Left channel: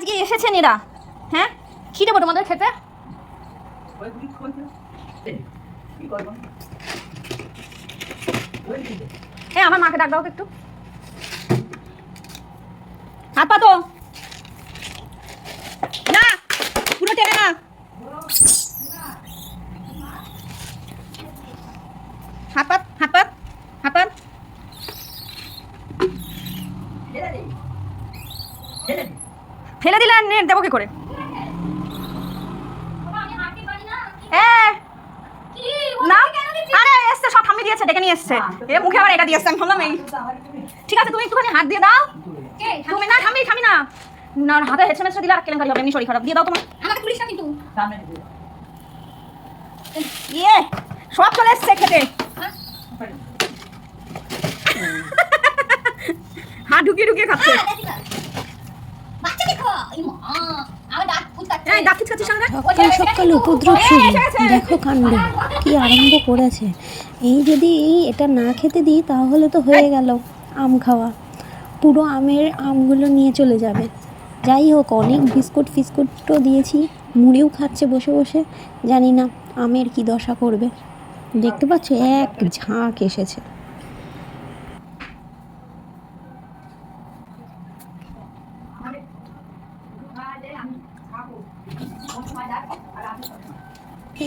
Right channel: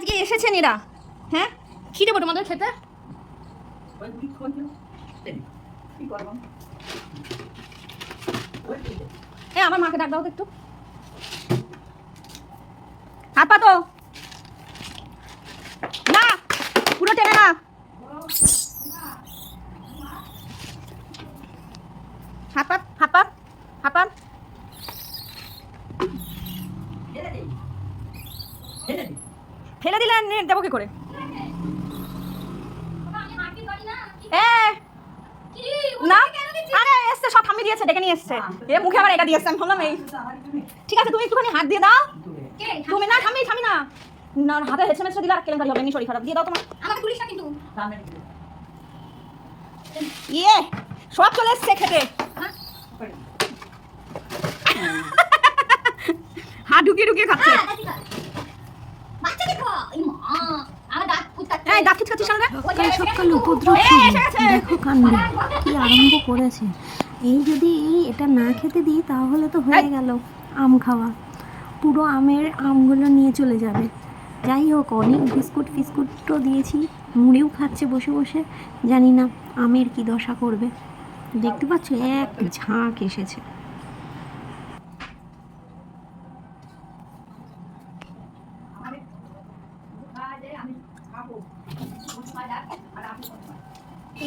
আজকে এসেছেন এরা? হ্যাঁ, কি দেবো তোমাদের খেতে? হ্যাঁ, আমার মাকে ডাক দাও তো একটু। হাত পা তো না, পুরো টেনে না। হাত পা, হাত পা, হাত পা। ফেলে দিলে নেট দেবো কি করে? না, আরে এসছে, সব থামিয়ে দিয়েছে, ডেকে নিয়ে এসছে। এ মুখে আবার এটা দিয়েছে, আমি ভাবলাম এই। ঠিক আছে, তুমি একটুখানি হাত দিয়ে দাও। তুমি না, থামি না, না হাতে হেঁচে মেচে দিলে আর কেলেঙ্কারি হবে, এমনি শরীর খারাপ। দিয়ে দাও তোমার। আমাকে পুলিশ না কিন্তু। ইয়ে, সব চলে এসছে খেতে। হাত ঢুকিয়ে ঢুকিয়ে খাচ্ছে। সকাল উপদ্রব শুরু। দেখো কাণ্ড কি আরম্ভ করেছে। এই যদি এটা না খেতে দিই তাহলে তো হয়ে গেল আম খাওয়া। পুরো আমগুলো নিয়ে চলে যাবে। যাই হোক, অনেক ফিস্কুটও দিয়েছি, মুড়িও খাচ্ছে বসে বসে। জানি না আমের কি দশা করবে। দেখতে পাচ্ছ এক ঝাঁক এসেছে।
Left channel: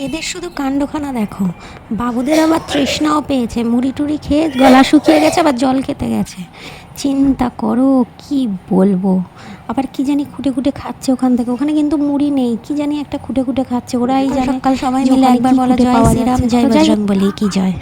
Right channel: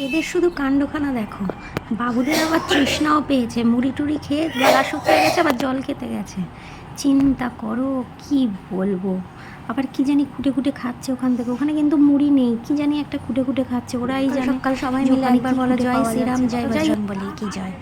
এদের শুধু কাণ্ডখানা দেখো। বাবুদের আবার তৃষ্ণাও পেয়েছে, মুড়ি টুড়ি খেয়ে গলা শুকিয়ে গেছে, আবার জল খেতে গেছে। চিন্তা করো, কি বলবো। আবার কি জানি খুঁটে খুঁটে খাচ্ছে ওখান থেকে। ওখানে কিন্তু মুড়ি নেই, কি জানি একটা খুঁটে খুঁটে খাচ্ছে। ওরাই জানে। সকাল সবাই মিলে একবার বলা জয় শ্রীরাম, জয় বজরং বলি কি জয়।